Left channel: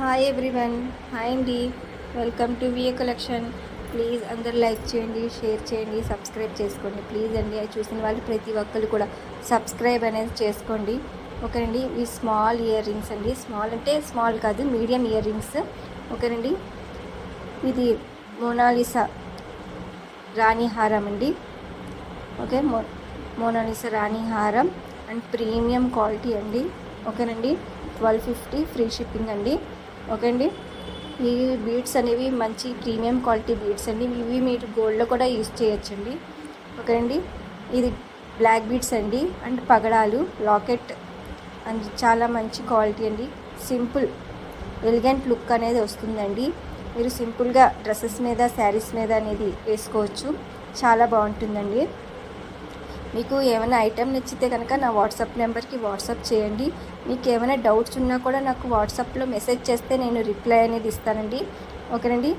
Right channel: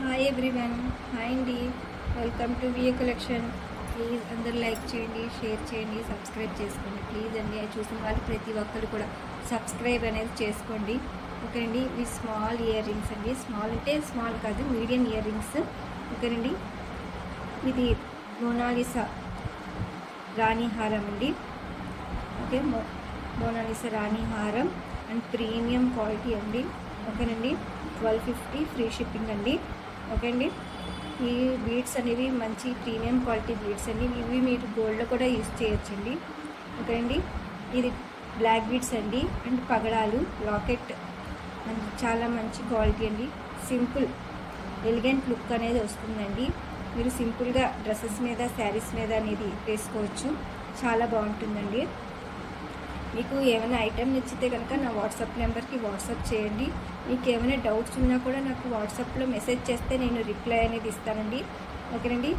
Hi everyone, hi అండి. Welcome to VA collection. Please అందరూ like చేయండి, షేర్ చేయండి, సబ్స్క్రైబ్ చేసుకోండి ప్లీజ్ అండి. అది చూసిన వాళ్ళు ప్రతి ఒక్కరు కూడా సబ్స్క్రైబ్ అనేది చేసుకోండి. ఓకేనండి. ఇవి స్మాల్ ఇయర్ రింగ్స్ అండి. స్మాల్ అంటే స్మాల్ కాదు, మీడియం ఇయర్ రింగ్స్. ఓకేనండి. ఇది మోనాలిసా రాణి హారం అండి. ఓకే, మోనాలిసా రాణి హారం అండ్ ప్రీమియం క్వాలిటీ అండి. ఓకేనండి. 1250 ఫ్రీ షిప్పింగ్ అండి. ఓకే అండి. ఈ బీడ్స్ అనేవి మంచి ప్రీమియం క్వాలిటీ బీడ్స్ అండి. ఇవి మీరు గోల్డ్లో కూడా యూజ్ చేయొచ్చండి. ఓకే అండి. ఇది బ్లాక్ బీడ్స్ అండి అండ్ పగడాలు లాకెట్ అండ్ చాలా మంచి క్వాలిటీ అండి. సింపుల్ ఎలిగెంట్ లుక్ అనేది వస్తుందండి. మీరు సింపుల్గా డ్రెస్సెస్ మీద, శారీస్ మీద అనేది వేసుకోవచ్చు. చాలా బాగుంటుందండి. మీకు ఏమైనా ఐటెం నచ్చితే కనుక నా వాట్సాప్ నెంబర్కి వాట్సాప్ చేయండి. మీకు ఏమైనా డౌట్స్ ఉన్నా కూడా నాకు వాట్సాప్లో మెసేజ్ చేస్తే నేను రిప్లై అనేది ఇస్తానండి. ఓకేనండి.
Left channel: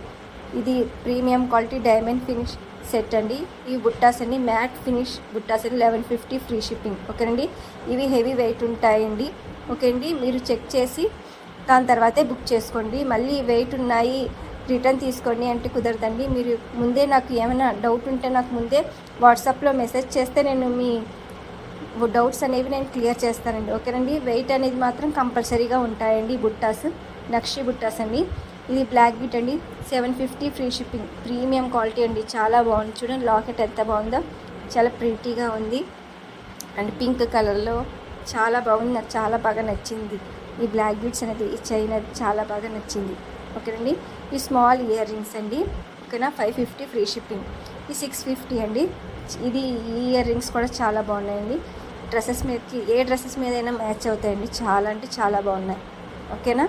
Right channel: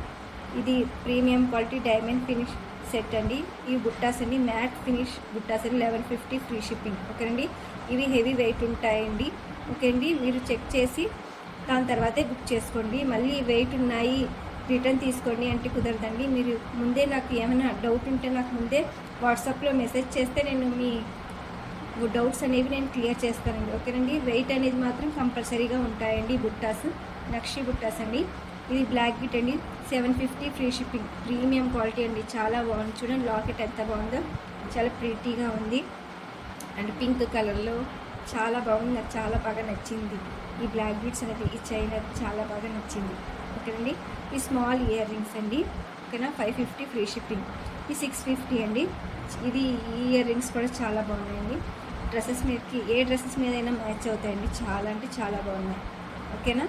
ఇది premium quality diamond finish set అండి. ఈ బుట్టాస్ అండి మ్యాట్ ఫినిష్ బుట్టాస్ అండి. 1150 ఫ్రీ షిప్పింగ్. ఓకేనండి. ఇవి హెవీ వెయిట్ ఉంటాయండి. ఓకే అండి. మీరు చెక్ చేసి దాని తర్వాతే బుక్ చేసుకోండి. మళ్ళీ వెయిట్ ఉన్నాయి రిటర్న్ తీసుకోండి అంటే కుదరదండి. మీరు ముందే నాకు ఏమైనా డౌట్ ఉంటే నాకు ముందే వాట్సాప్లో మెసేజ్ చేస్తే నేను మీ డౌట్స్ అనేవి నేను క్లియర్ చేస్తానండి. ఓకేనండి. వెయిట్ అనేది మాత్రం కంపల్సరీగా ఉంటాయండి. బుట్టాస్ నక్షి బుట్టాస్ అండి. ఇది బ్లాక్ బీట్ అండి. 750 ఫ్రీ షిప్పింగ్. ప్రీమియం క్వాలిటీ అండి. చాలా బాగుంది. చూడండి లాకెట్ ఎంత బాగుందో, చాలా ప్రీటీగా ఉంది అండ్ పింక్ కలర్లో చాలా బాగుంది. నాకు చాలా బాగా నచ్చింది ఈ బ్లాక్ బీట్స్ అనేది. ఈ చైన్ అది చాలా బాగా నచ్చింది. ఓకేనండి. ఈ స్మాల్ ఇయర్ రింగ్స్ అండి. ఓకేనా. 550 ఫ్రీ షిప్పింగ్. ఈ 650 అండి. ఇది ఈ ఇయర్ రింగ్స్ కూడా చాలా బాగున్నాయండి. డ్రెస్సెస్ మీదకి ఏ డ్రెస్సెస్ మీదైనా మ్యాచ్ అవుతాయండి. చాలా అంటే చాలా బాగున్నాయి. ఓకేనా.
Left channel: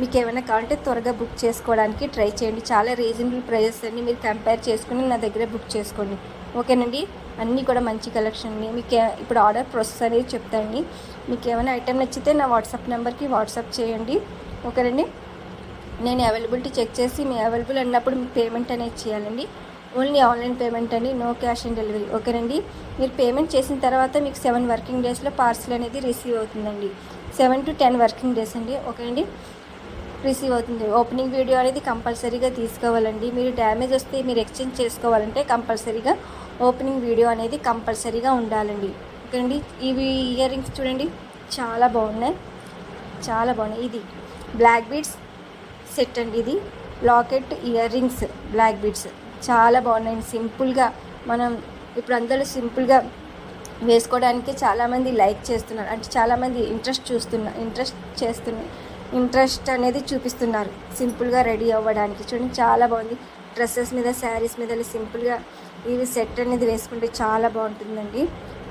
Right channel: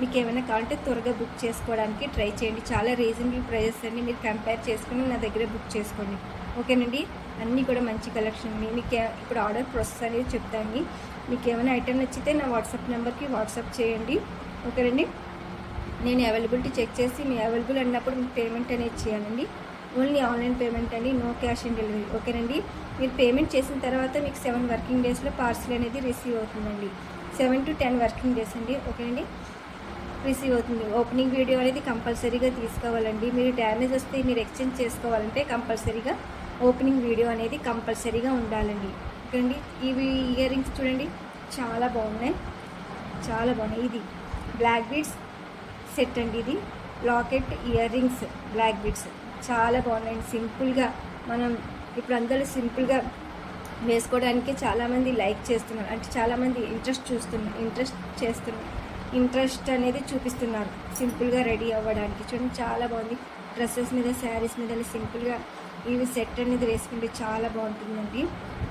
మీకు ఏమైనా కావాలంటే త్వరగా బుక్ చేసుకోవడానికి ట్రై చేయండి. చాలా రీజనబుల్ ప్రైజెస్ అండి. మీరు కంపేర్ చేసుకుని నా దగ్గర బుక్ చేసుకోండి. ఓకేనండి. అన్నీ కూడా మంచి కలెక్షన్ అండి. మీకు ఇప్పుడు ఆర్డర్ ప్రాసెస్ అనేది చెప్తానండి. మీకు ఏమైనా ఐటెం నచ్చితే నా వాట్సాప్ నెంబర్కి వాట్సాప్ చేయండి. ఓకేనండి. నేను అవైలబిలిటీ చెక్ చేసి మీ అవైలబుల్ అన్నప్పుడు మీ పేమెంట్ అనేది చేయాలండి. ఓన్లీ ఆన్లైన్ పేమెంట్ అండి, నో క్యాష్ ఆన్ డెలివరీ. ఓకేనండి. మీరు పేమెంట్ చేసిన తర్వాత మీకు 7 వర్కింగ్ డేస్లో పార్సల్ అనేది రిసీవ్ అవుతుందండి. 7 to 10 వర్కింగ్ డేస్ అండి. ఓకేనండి. రిసీవ్ అవుతుంది. ఓపెనింగ్ వీడియో అనేది కంపల్సరీగా తీసుకోవాలండి. మీరు డ్యామేజ్ వస్తే మీరు ఎక్స్చేంజ్ చేసుకోవాలంటే కంపల్సరీగా ఓపెనింగ్ వీడియో అనేది కంపల్సరీగా ఉండాలండి. ఓకేనండి. ఇవి ఇయర్ రింగ్స్ చూడండి, చాలా బాగున్నాయి, చాలా బాగున్నాయి. ఇది బ్లాక్ బీడ్స్ సెట్ అండి. ఇది locket earrings black beads చాలా బాగున్నాయండి. సింపుల్గా మనం ఇప్పుడు అందరూ సింపుల్గా వేసుకోవడానికి చాలామంది లైక్ చేస్తున్నారు, అంటే చాలామంది ఇంట్రెస్ట్ అనేది చూపిస్తున్నారు సింపుల్గా రెడీ అవ్వడానికి. చూడండి చాలా బాగుంది. డ్రెస్సెస్ మీద, శారీస్ మీద సింపుల్గా ఇవి సెట్ అనేది వేసుకుంటే చాలా బాగుంటుందండి.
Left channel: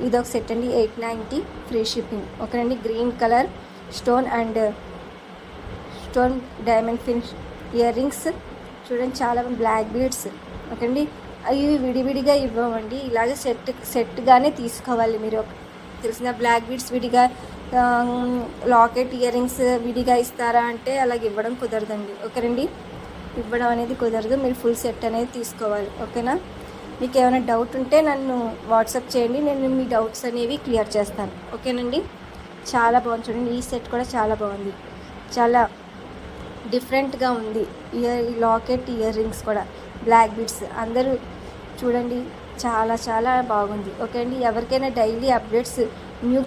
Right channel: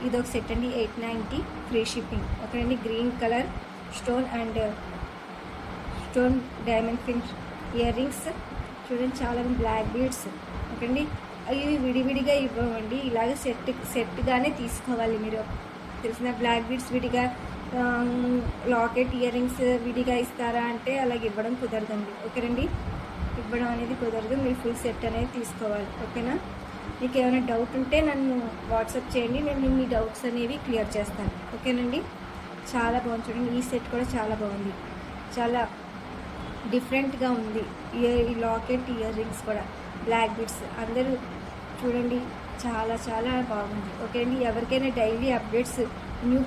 ఇది ఒక సెట్ అండి. 890 ఫ్రీ షిప్పింగ్. ఓకేనండి. Green colour stone and stone diamond finish ear rings చూడండి, చాలా బ్లాక్ బీడ్స్. ఓకే అండి. ఇవి విడివిడిగా ఇవ్వమండి, ఇలాగ సెట్గానే తీసుకోవాలి. మీరు తెలిసిన బ్లాక్ బీడ్స్ విడిగా, లాకెట్ ఇయర్ రింగ్స్ విడిగా ఇస్తారా అంటే అలాగే ఇవ్వడం కుదరదండి. ఓకేనండి. ఇవ్వడం అనేది కుదరదు. మీరు ఫుల్ సెట్ అనేది తీసుకోవాలి. ఓకేనా. మీకు ఏమైనా డౌట్ ఉంటే నన్ను వాట్సాప్ చేయండి, నేను మీ డౌట్స్ అనేవి క్లియర్ చేస్తాను. ఓకేనండి. చాలా బాగుంది. చూడండి ఈ సెట్ కూడా చాలా బాగుంది, చాలా డిఫరెంట్గా ఉంది. ఈ లాకెట్ ఇయర్ రింగ్స్ కూడా బ్లాక్ బీడ్స్ అందరూ చూడండి, చాలా చాలా బాగుంది. ఓకే అండి. ఎవరికైనా డైలీ అప్డేట్స్, న్యూ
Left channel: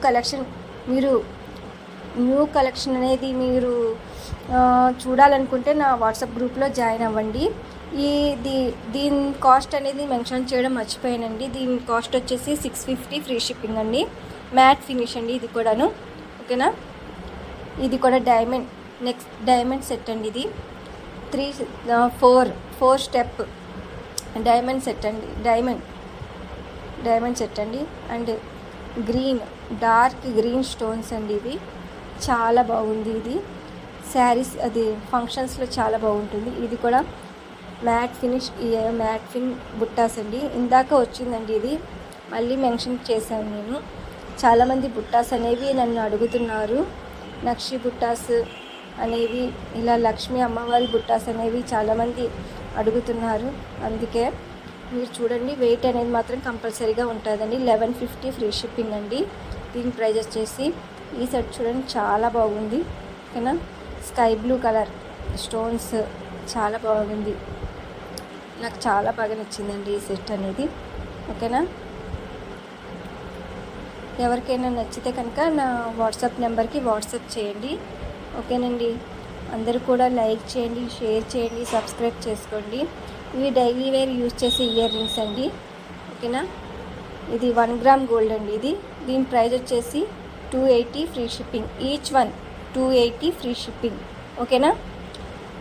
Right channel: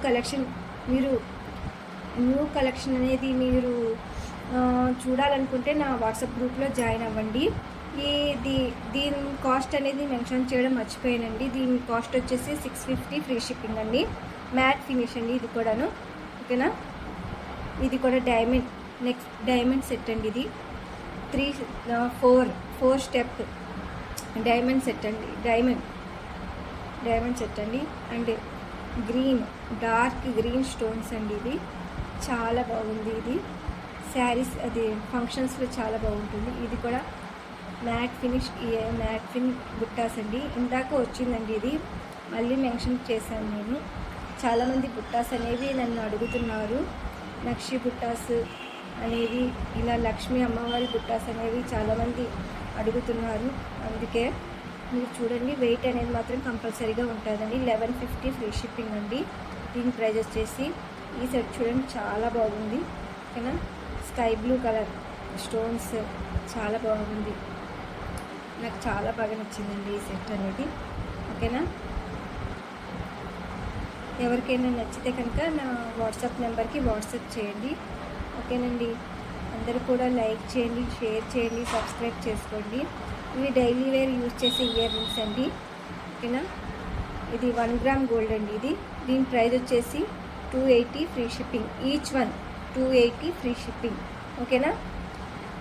కలెక్షన్ అనేది మీరు చూడాలనుకుంటే నా వాట్సాప్ గ్రూప్లో జాయిన్ అవ్వండి. దీని కాస్ట్ అనేది మెన్షన్ చేయడం మర్చిపోయానండి. దీని కాస్ట్ వచ్చేసి 650 ఫ్రీ షిప్పింగ్ అండి. మ్యాట్ ఫినిష్ అండి ఇది కూడాను. ఓకేనా. ఇది కూడా డైమండ్ సెట్ అండి. ఇది 4 స్టెప్ డైమండ్ సెట్ అండి. డైమండ్ సెట్ అండి. అండ్ డార్క్ గ్రీన్ స్టోన్స్ అండి. ఇవి చాలా బాగుంది. ఇది శారీస్ అది ఫంక్షన్స్లో చాలా బాగుంటుంది. ఇది కూడా మ్యాట్ ఫిన్ బుట్టాస్ అండి. ఇందాక వచ్చిందండి, ఇది మళ్ళీ మెన్షన్ చేశాను నేను. చాలామంది బుట్టాస్ అనేవి నన్ను అడుగుతున్నారు. నక్షి బుట్టాస్ అనేవి, ఇలా లక్ష్మీ అమ్మవారి బుట్టాస్ అనేవి చాలామంది అడుగుతున్నారు. అందుకే మీరు చూడండి, వెయిట్ అనేది మాత్రం కంపల్సరీగా ఉంటుందండి. 1150 ఫ్రీ షిప్పింగ్ అండి. దీని ప్రైస్ వచ్చేసి ఈ సెట్ చూడండి చాలా బాగుంది. ఓకేనా. స్కై బ్లూ కలర్ స్టోన్స్, చాలా బాగుంది. నాకు చాలా బాగా నచ్చిందండి ఈ సెట్ అనేది. ఓకేనా, ఎవరికైనా నచ్చితే కనుక నా వాట్సాప్ నెంబర్కి వాట్సాప్ చేయండి. ఓకేనండి, అందరూ కూడా లైక్ చేయండి, షేర్ చేయండి, సబ్స్క్రైబ్ చేసుకోండి. ఇవి డైలీ వేర్ యూజ్ చేసే ఇయర్ రింగ్స్ అండి. ఓకేనా, ఇది 1 గ్రామ్ గోల్డ్ అండి. దీని ప్రైస్ వచ్చేసి 280 free shipping. Each one 280 free shipping. ఓకేనా,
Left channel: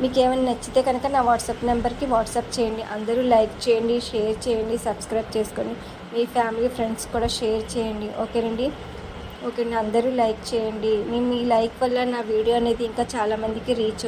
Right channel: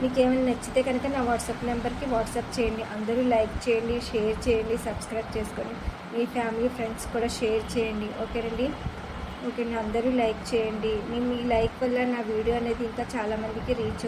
మీకు ఏమైనా నచ్చితే కనుక నా వాట్సాప్ నెంబర్కి వాట్సాప్ చేయండి. అందరూ లైక్ చేయండి, షేర్ చేయండి, సబ్స్క్రైబ్ చేసుకోండి. మీ ఫ్యామిలీ ఫ్రెండ్స్ కూడా షేర్ చేయండి. ఓకేనండి, ఓకేనా, అందరూ లైక్ చేయండి. మీ లైక్ వల్ల నా వీడియో అనేది ఇంకా చాలామందికి రీచ్